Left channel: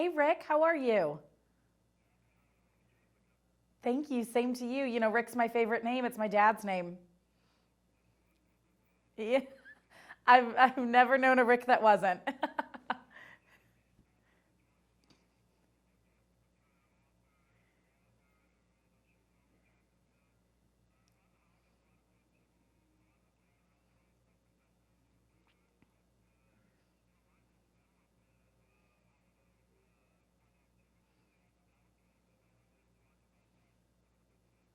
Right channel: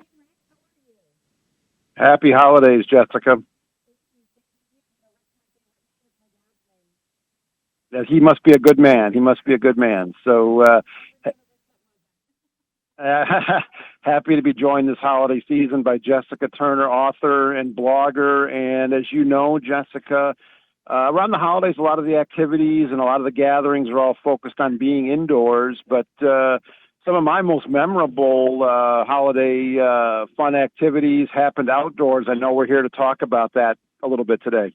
Hey, Rick, how are you? Happy holidays, Jessica. Thank you. Same to you. You know, Rick's my favorite name. It's my dad's name. He must be a good man. He Yeah, must be a good man. I've, So I've never known a Rick that wasn't. happy to be joined this holiday season by Jessica Turner, author and blogger. And as you know, Jessica, around the holidays, a lot of the activities and a lot of the gatherings are all focused on being indoors. But some of my most memorable holiday fun activities happened outdoors. I know we're here to talk about that a little bit today.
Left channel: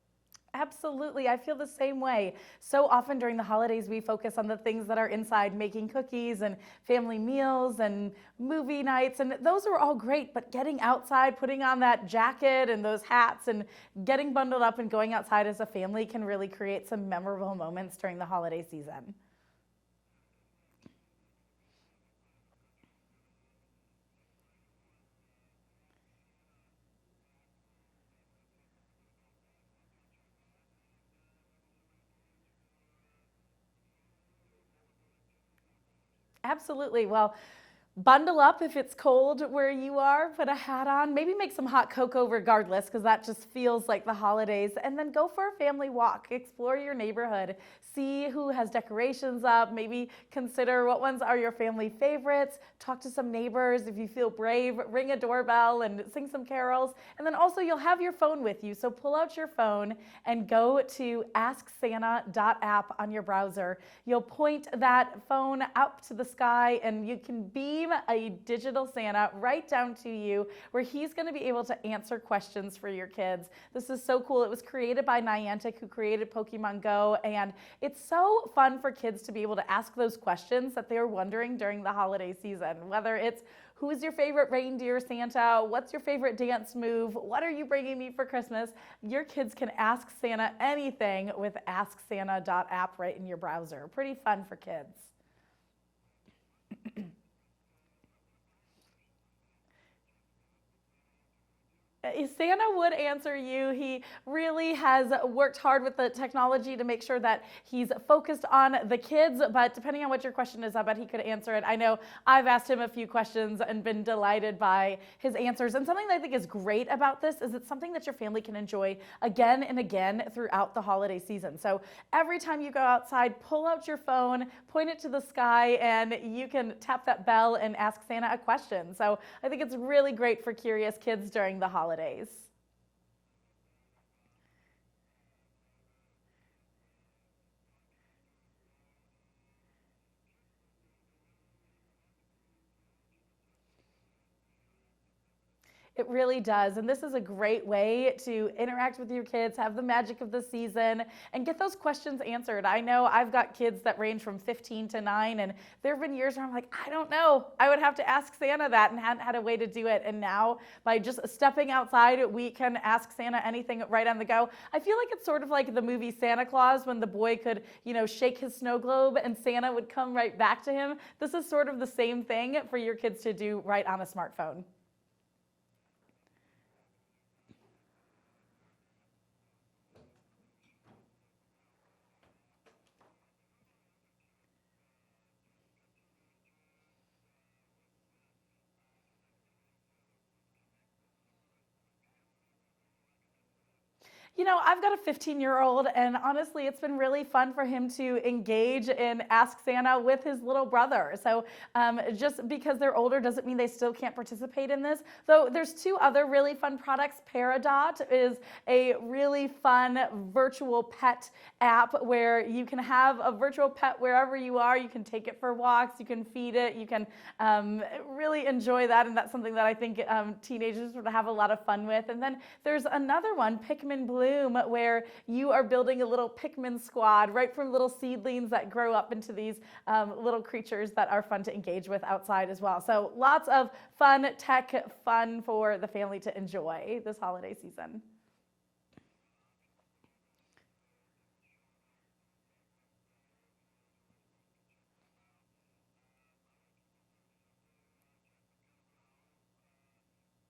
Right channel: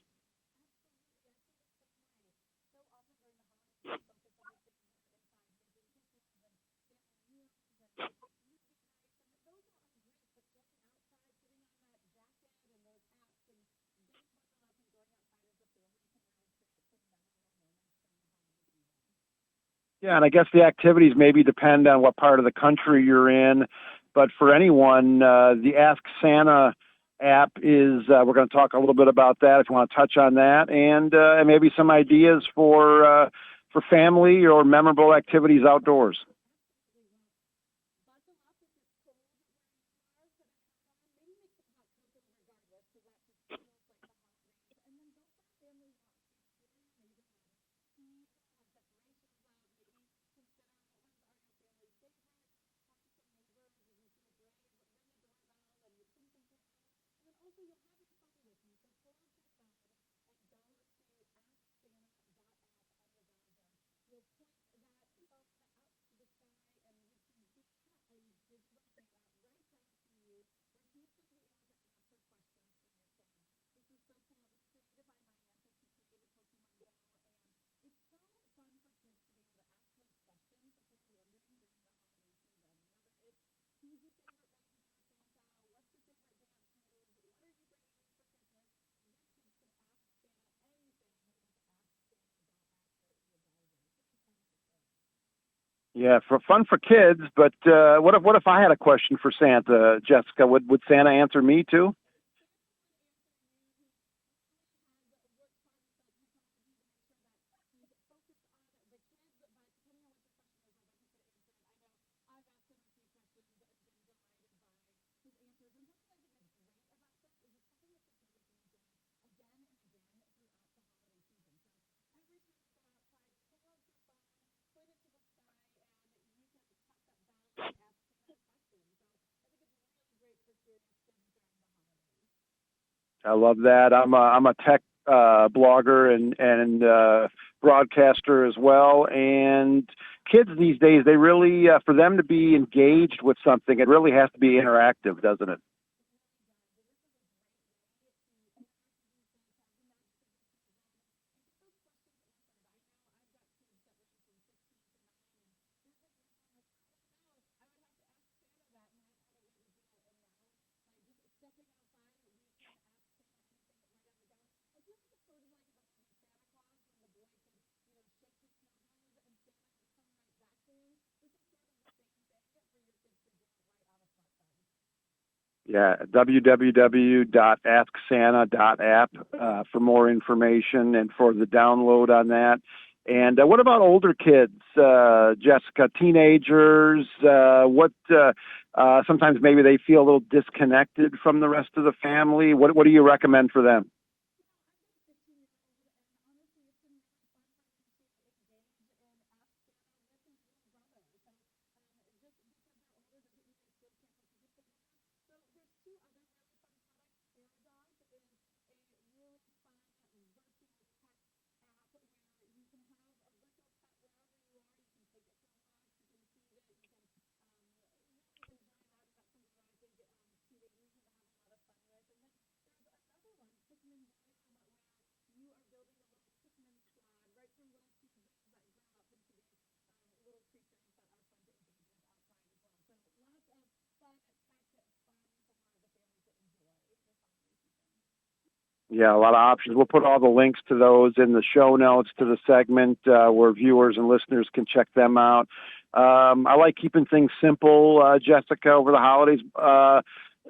Absolutely. I feel the same way. So often during the holidays, we focus on the things that are inside, making cookies and family meals and movie nights. And those are all great. But getting outside, putting on that jacket and those hats and getting bundled up and going outside as a family can really create some memorable moments during the holiday season. Yeah, and I guess the activities maybe depend on what part of the country you're in. But for anyone, the Ask Santa app is, we're going to talk a little bit about that if you want to touch on that, and maybe some ideas for family or memorable activities outdoors. Absolutely. Well, bundle up if it's cold where you are, put a hat on, maybe make some hot cocoa regardless, because that just feels like the holidays. And then go for a family walk, explore your neighborhood, see who has decorations up, maybe consider what ones are your family favorites, talk to some neighbors. If you feel brave, ring a doorbell and sing some carols. And then also, you'll have your phone with you. So pull out your phone and go to asksanta.app on your browser. You'll point that phone up to the sky and you can beam a digital Santa right down to you where he's going to be able to answer questions for your kids. This is so cool. It was created by Niantic, who created Pokemon Go, and it's so fun for kids to be able to ask those questions that they're wondering during the holiday season, whether it's who's your favorite reindeer, Santa? What's your favorite dance move? What are you bringing me for Christmas? Your kids can ask Santa anything with AskSanta.app right in your browser. Pretty fun for kids. Yeah, for fun for kids. But what if I had a question for Santa, Jessica? Would Santa answer me too? Santa would answer you. He really has worked hard with the technology to make sure that he's focused on the kids. But depending on what your question is, I bet he could answer it. I know I've asked him a few questions and been delighted by his answers. And something that I think is great about this is it's something that your family can enjoy again and again throughout the holiday season. So every time you go outside, pull out your phone, point it to the sky, and you can tap that bell and ask Santa a question. So I think it's really great for curious kids during the holidays. I love that. I'm a tech blogger and broadcaster as well. And kids these days, they really for them to be engaged with something, it really has to be interactive, doesn't it? It really does. And this is a great way to interact with your kids, have the magic of the season, and get those questions answered. I know I've got kids that range from 15 to 9, and there have been years where I'm like, I don't know. I would have to ask Santa that and hadn't had a way to do it. And now, by just stepping outside, we can ask Santa anything right on the go. I feel like it's sort of like the movie Santa Claus when the boy could, shake his snow globe and Santa would come right back to him. This is sort of the same thing for your kids to do right on a smartphone. Yeah, www.asksanta.app for more information and for the download on that. And what about older kids, Jessica? Teenagers? Sometimes maybe they feel a little disconnected from the rest of the family. What do you recommend for them? I've got a 15-year-old, and honestly, it's been really fun for him to engage in Ask Santa with his little brother. So just because they're older doesn't mean they still can't participate in this. Though there's two other really fun products. Peridot is a really fun virtual pet app where you can have a virtual pet wherever you are. You can take it for walks, you can feed it, you can really enjoy that, and that's something that I think teenagers would have a lot of fun with. And then there's another one, Pikmin Bloom, where you are building a little Pikmin squad right from little seedlings that grow up into these little creatures that are fun to engage with outside as well. So lots of fun tech fun for the family to enjoy this holiday season. Yeah, a lot of options. We'll put all the links to those in the show notes to the segment where viewers and listeners can check them out. I like keeping things simple, Jessica, over the holidays.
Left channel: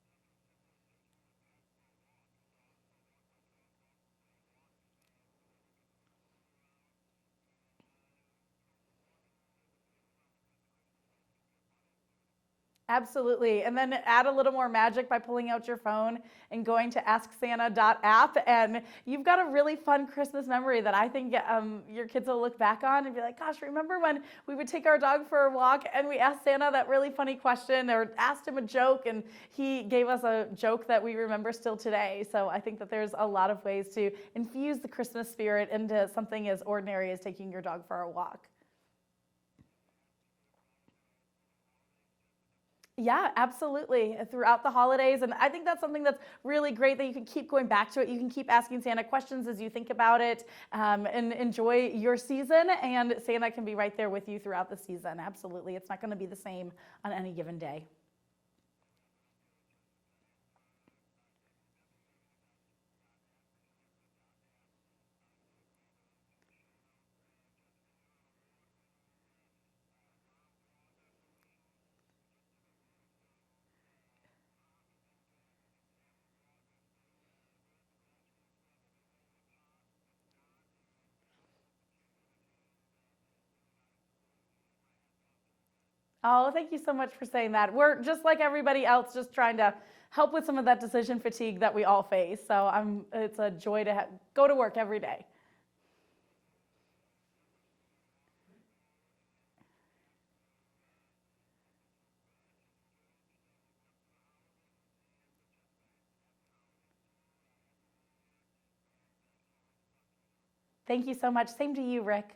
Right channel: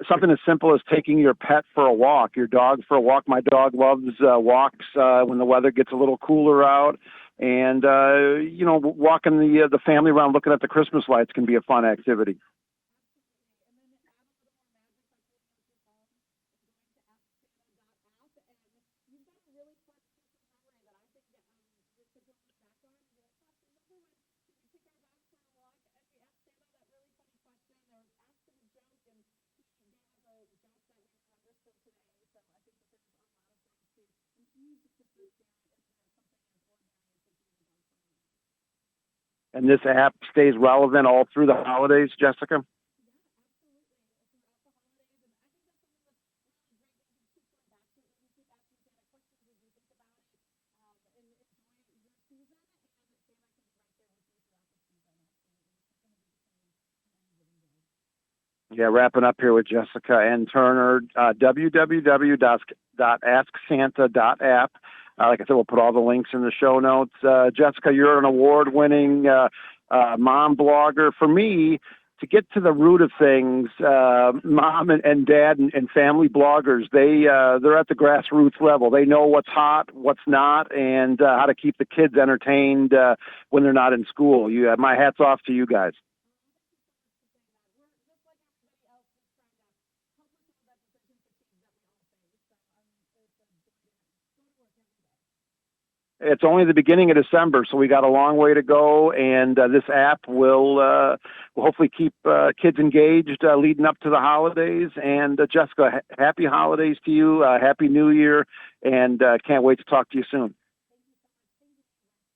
Something as simple as taking your pet for a walk, your dog for a walk. My dog loves walks when the weather gets a little cooler out. And, walking the family around looking at the Christmas lights can be a fun activity. Absolutely. And then add a little more magic by pulling out your phone and going to AskSanta.app. And you've got a really fun Christmas memory that I think your kids will look back on and be like, gosh, remember when we would take our dog for a walk and we asked Santa that really funny question or asked him a joke and he gave us a joke that we remember still today. So I think that there's a lot of ways to infuse the Christmas spirit into something as ordinary as taking your dog for a walk. And this app stays relevant all through the holidays, Jessica? Yeah, absolutely. Throughout the holidays. And I think that's something that's really great that you can keep going back to it. You can keep asking Santa questions as you think about it and enjoy your season. And Santa can be right there with you throughout the season. Absolutely. It's not going to be the same on any given day. Yeah, wrapping up here with Jessica and Turner, www.asksanta.app. Like I said, we'll put all the links in the show notes. Jessica, you're an award-winning mom blogger. For me, to get to the root of things, mom and dad and family bloggers, they're at the grassroots level. They know what's hot, what's not, and how to keep the kids entertained when they're not in school. My hat's off to you guys. Oh, thank you so much for saying that. We're just like everybody else, just trying to help with some of that decision fatigue that we all face. So it's a joy to go to work every day. It's only the beginning of December, so we got a long way to go, and this app will hopefully keep kids engaged leading up to the holidays. And Jessica, happy holidays to you, happy New Year, and can't wait to talk to you soon. Thank you so much. Same to you, Rick.